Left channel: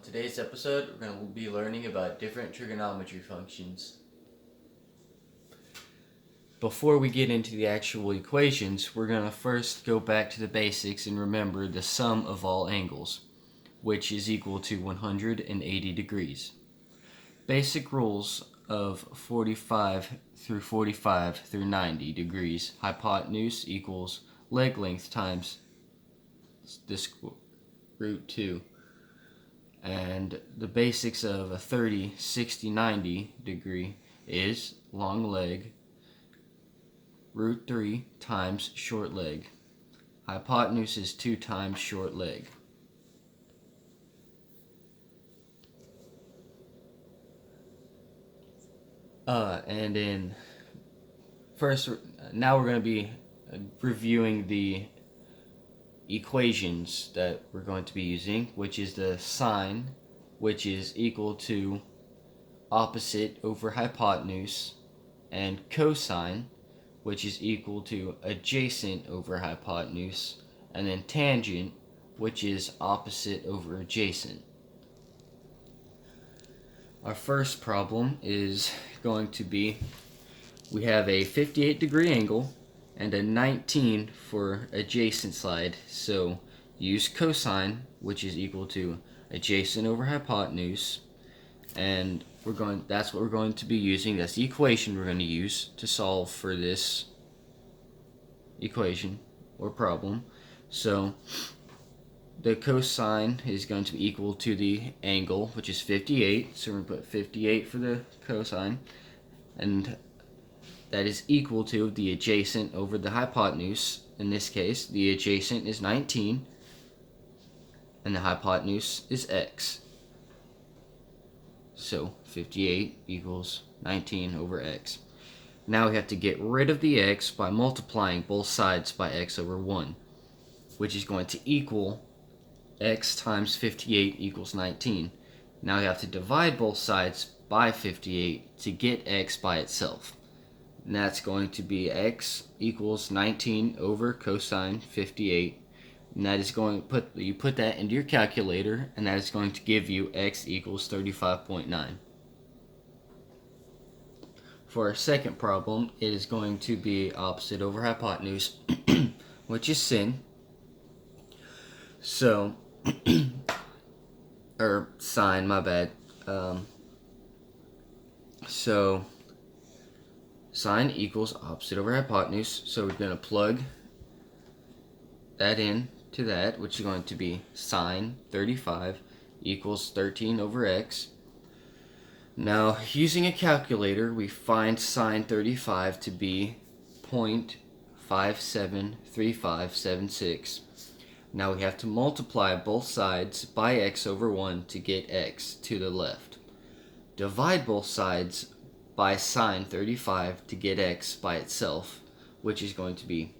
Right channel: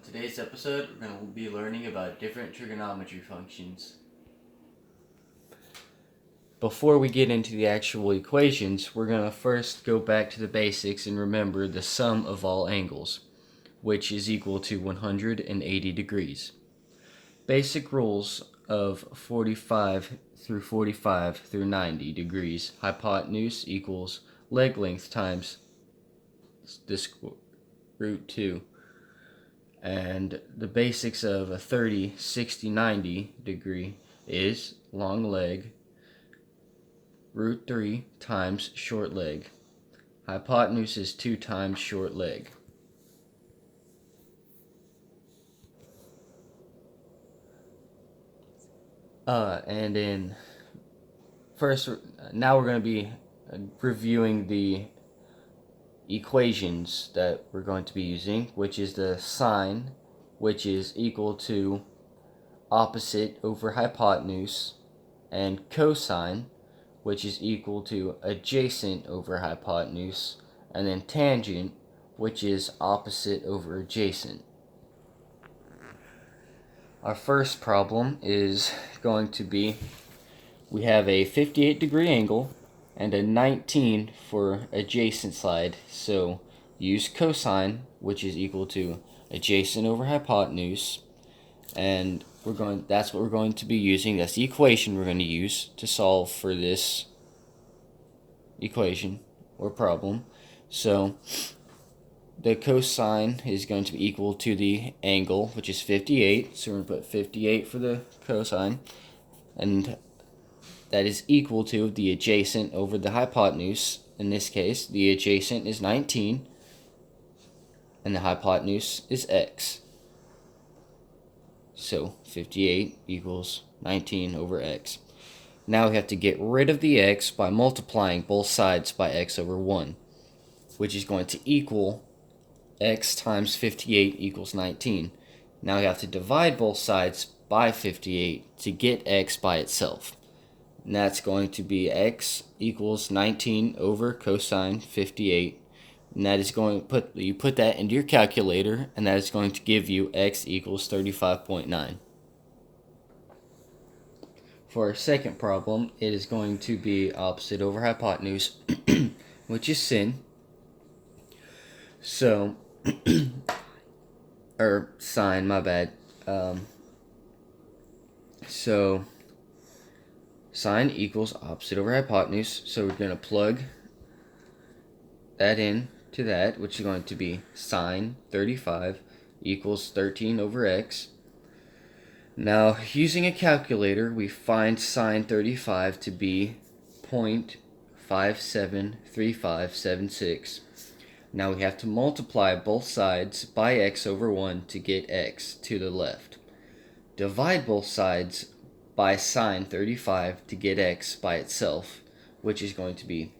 In today's episode, we're going to be learning about different trigonometry functions. Before we get into the actual equations, we're going to first go back to the basics and remember the sum of all angles, which is equal to 180 degrees. Basic rules of 45 through 90 degrees. Hypotenuse equals leg length times this root 2. And the basics of a 30, 60, 90 degree is long leg, root 3 times short leg. Hypotenuse is 2 times short leg. Now we're going to be reviewing the equations that we're going to be using, which is the sine, which is equal to opposite over hypotenuse, and cosine, which is equal to adjacent over hypotenuse, and then tangent, which is opposite over adjacent. Our first problem is going to be, we have a 58 degree angle and a 19 for adjacent side, so use cosine, which is equal to adjacent over hypotenuse, and that's what we're going to be using. That's the equation we're going to use to solve for this equation or problem. So the cosine is going to be equal to the angle, which is 58. So we're going to put 58 for the cosine, and that is equal to the adjacent over the hypotenuse. In this case, the adjacent is 19, and the hypotenuse is x. So 58 equals 19 over x. Now we have to get rid of the x by multiplying both sides by x over 1, which is going to equal x times 58 equals 19. Now we have to divide both sides by 58 to get x by itself. And that's going to be x equals 19 over cosine 58. And that is going to you put that into your calculator, and that is going to give you x equals 35.9. For our second problem, it is going to be opposite over hypotenuse, which is sin. So, or sine, my bad. So, sine equals opposite over hypotenuse. So we're going to plug that in to that, which is going to be sine 35 equals 13 over x. Now, using a calculator, we find sine 35 to be 0.573576. Now we have to multiply both sides by x over 1 to get x to the left. Divide both sides by sine 35 to get x by itself, which is going to be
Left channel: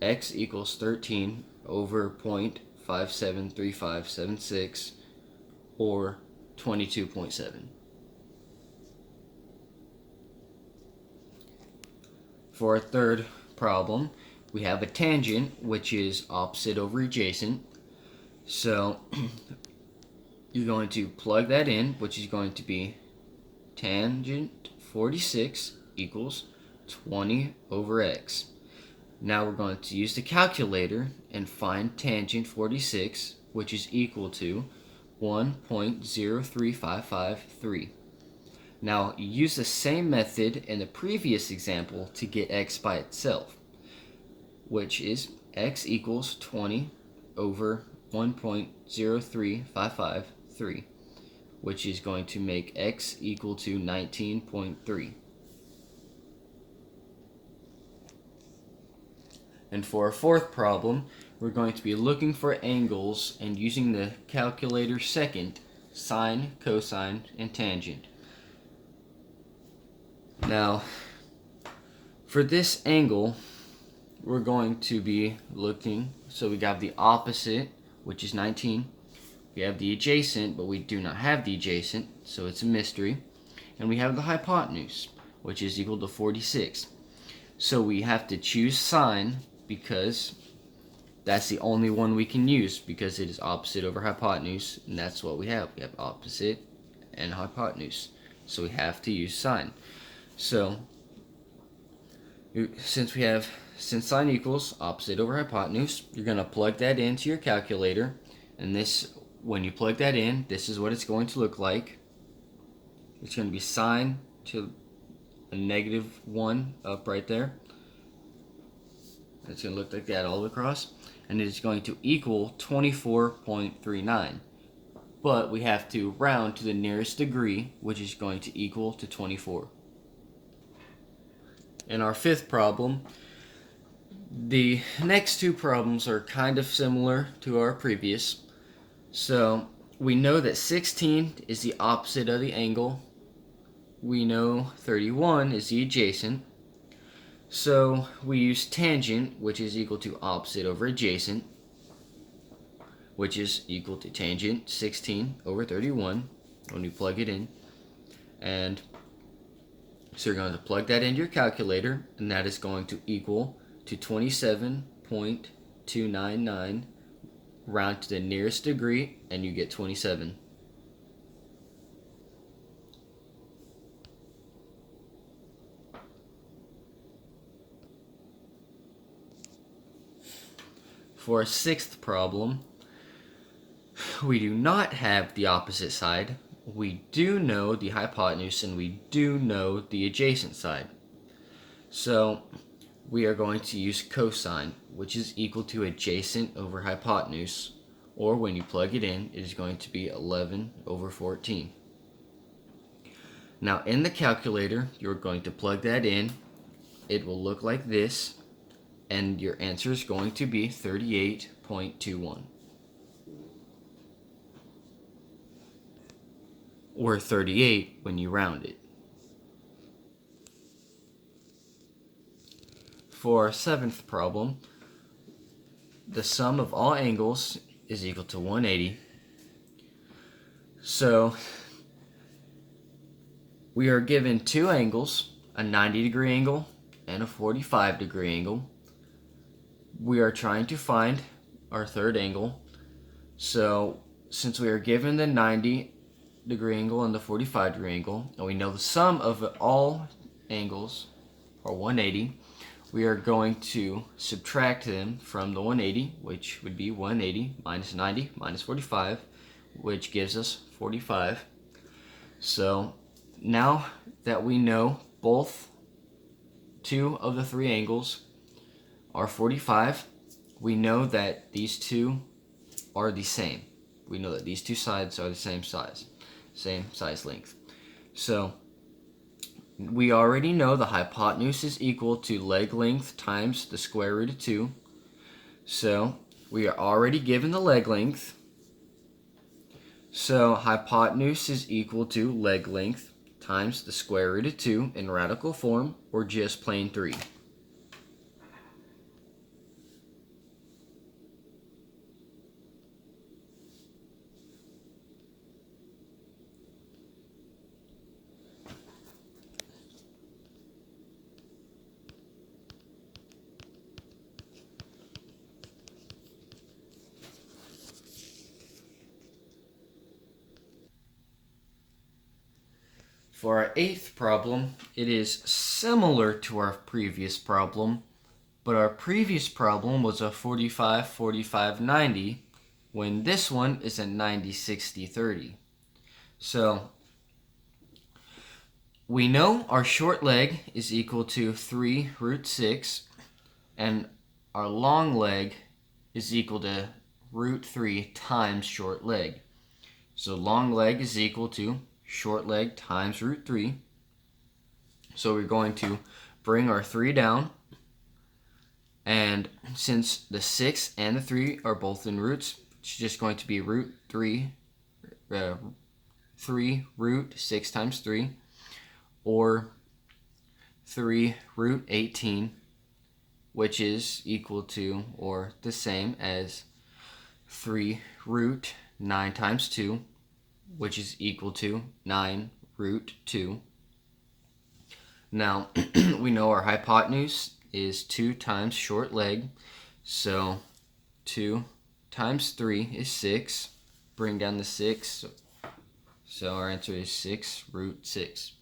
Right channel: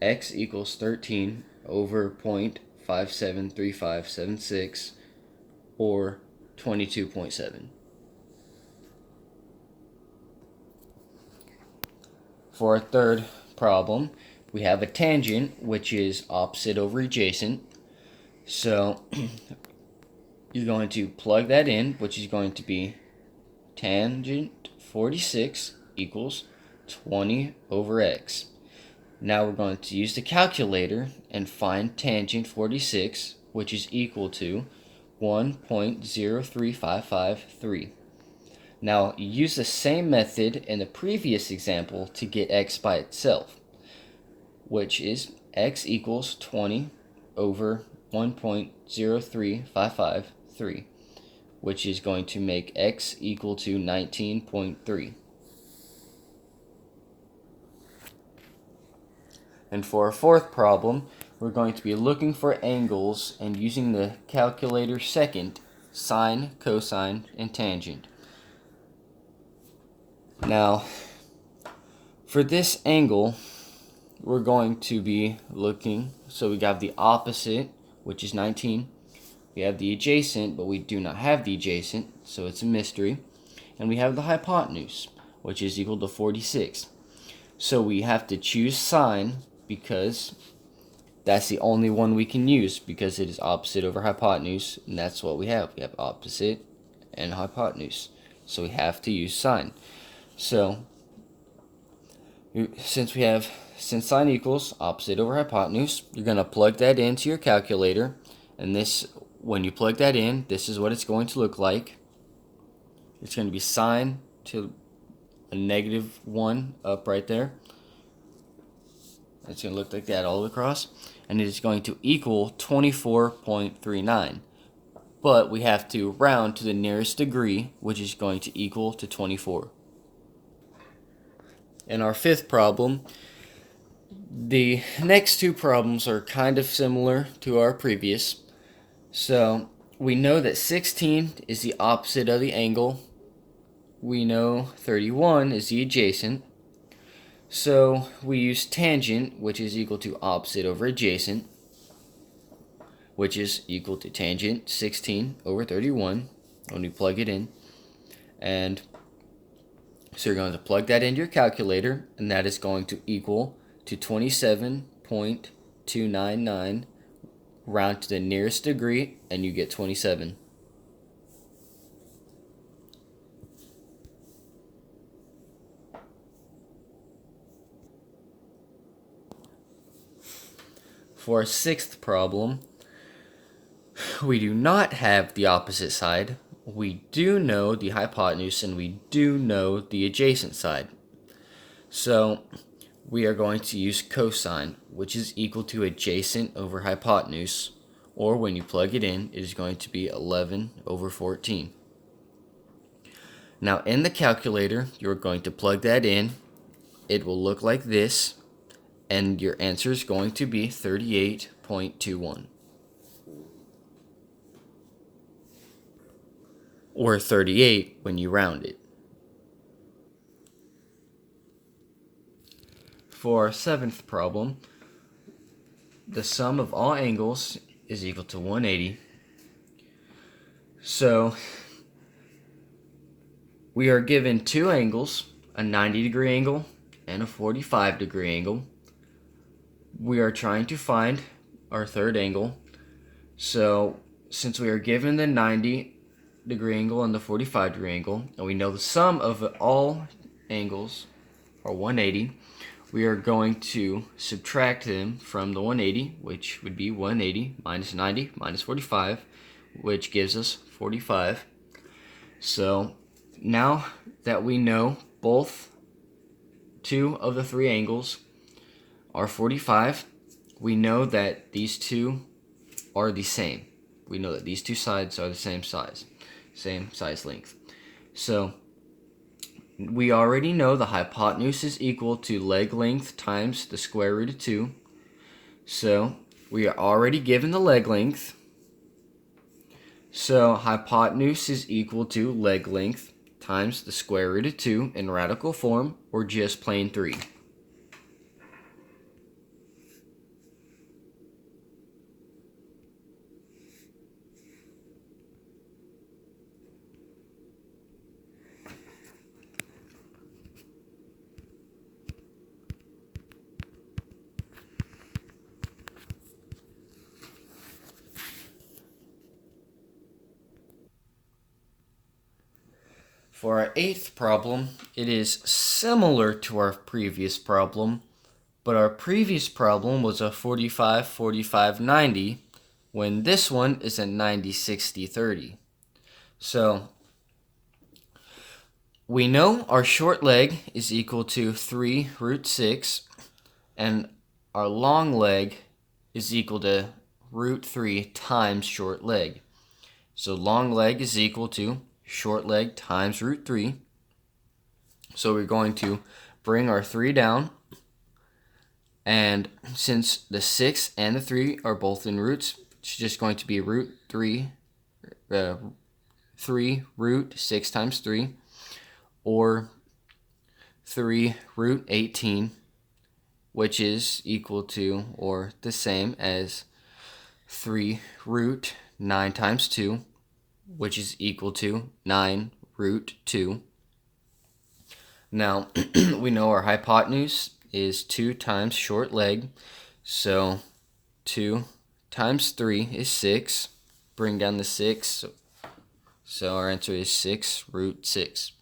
x equals 13 over 0.573576, or 22.7. For our third problem, we have a tangent, which is opposite over adjacent. So you're going to plug that in, which is going to be tangent 46 equals 20 over x. Now we're going to use the calculator and find tangent 46, which is equal to 1.03553. Now, use the same method in the previous example to get x by itself, which is x equals 20 over 1.03553, which is going to make x equal to 19.3. And for our fourth problem, we're going to be looking for angles and using the calculator second, sine, cosine, and tangent. Now, for this angle, we're going to be looking, so we got the opposite, which is 19. We have the adjacent, but we do not have the adjacent, so it's a mystery. And we have the hypotenuse, which is equal to 46. So we have to choose sine because that's the only one we can use because it is opposite over hypotenuse, and that's what we have. We have opposite and hypotenuse. So we have to use sine. So since sine equals opposite over hypotenuse, you're going to plug that into your calculator, and when you plug that in, this is what it's going to look like. It's going to be sine to a -1 up right there. It's going to look like that all across, and it is going to equal 24.39. But we have to round to the nearest degree, which is going to equal to 24. In our fifth problem, the next two problems are kind of similar to our previous. So we know that 16 is the opposite of the angle. We know 31 is the adjacent. So we use tangent, which is equal to opposite over adjacent, which is equal to tangent 16 over 31 when we plug it in. And so you're going to plug that into your calculator, and that is going to equal to 27.299. Round to the nearest degree, and you get 27. For our sixth problem, we do not have the opposite side. We do know the hypotenuse, and we do know the adjacent side. So we are going to use cosine, which is equal to adjacent over hypotenuse, or when you plug it in, it is going to be 11 over 14. Now in the calculator, you're going to plug that in. It will look like this, and your answer is going to be 38.21. Or 38 when you round it. For our seventh problem, the sum of all angles is equal to 180. So we are given two angles, a 90-degree angle and a 45-degree angle. We are trying to find our third angle. So since we are given the 90-degree angle and the 45-degree angle, and we know the sum of all angles are 180, we are going to subtract them from the 180, which would be 180 minus 90 minus 45, which gives us 45. So now that we know two of the three angles are 45, we know that these two are the same. We know that these two sides are the same size length. So we already know the hypotenuse is equal to leg length times the square root of 2. So we are already given the leg length. So hypotenuse is equal to leg length times the square root of 2 in radical form, or just plain 3. For our eighth problem, it is similar to our previous problem, but our previous problem was a 45-45-90, when this one is a 90-60-30. So we know our short leg is equal to 3 root 6, and our long leg is equal to root 3 times short leg. So long leg is equal to short leg times root 3. So we're going to bring our 3 down, and since the 6 and the 3 are both in roots, it's just going to be root 3 root 6 times 3, or 3 root 18, which is equal to or the same as 3 root 9 times 2, which is equal to 9 root 2. Now, we know our hypotenuse is 2 times short leg, so 2 times 3 is 6. Bring down the 6. So our answer is 6 root 6.